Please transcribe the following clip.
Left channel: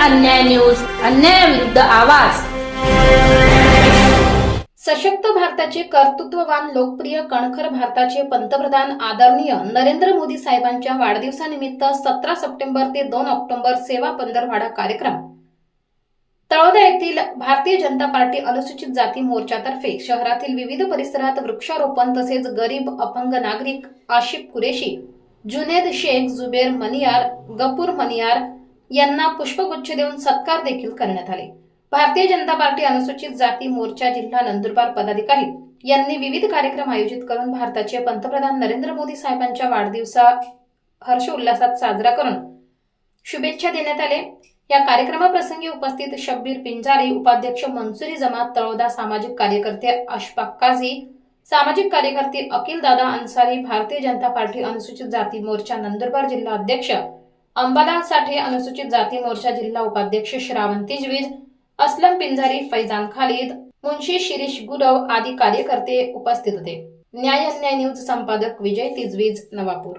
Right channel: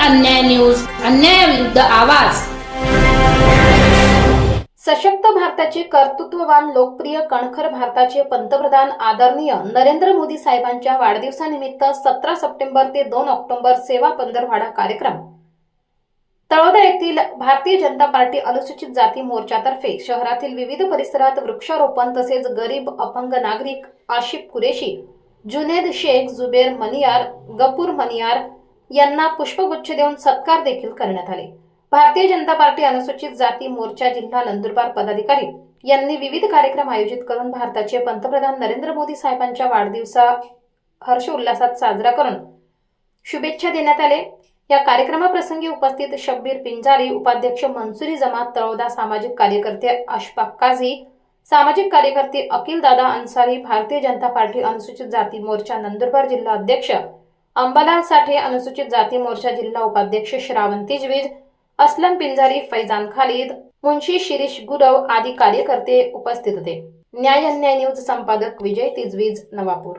अन्याय न्यूज अन्यायाविरुद्ध आवाज. सशक्त भारताचे कर्तृत्ववान लोकप्रिय कणखर भारताचे पंतप्रधान आदरणीय नरेंद्र मोदी साहेबांच्या वाढदिवसानिमित्त सतरा सप्टेंबर ते दोन ऑक्टोबर सेवा पंधरवाडा कार्यक्रम. तळोदा येथील भारतीय जनता पार्टी अनुसूचित जाती मोर्चातर्फे शहरातील विविध परिसरात वृक्षारोपण तसेच गरीब अपंग नागरिक आशिफ कुरेशी जुनेद शेख जुबेर मनियार गपूर मनियार यांना पुष्पगुच्छ देऊन सत्कार देखील करण्यात आले. भारतीय जनता पार्टी अनुसूचित जाती मोर्चा जिल्हा नंदुरबार पदाधिकारी यांनी विविध कार्यक्रम आयोजित करून भारताचे पंतप्रधान नरेंद्र मोदी साहेबांच्या वाढदिवसा हर्ष उल्हासात साजरा करून शुभेच्छा देण्यात आले. या कार्यक्रमाप्रसंगी उपस्थित शब्बीर पिंजारी उपाध्यक्ष मनसुरी जमात तळोदा सामाजिक कार्यकर्ते अशफाक काझी सामाजिक कार्यकर्ते अकिल दादा अन्सारी भारतीय जनता पार्टी अनुसूचित जाती मोर्चा नंदुरबार जिल्हा अध्यक्ष अंबालाल साठे अनुसूचित जाती मोर्चा जिल्हा उपाध्यक्ष श्रावण तिजवीज असलम पिंजारी फैजान खालिद मुन्शी शिरीष गुरव आदी कार्यकर्ते उपस्थित होते. न्याय अन्याय न्यूज संपादक विजय तिजवीज नवापूर.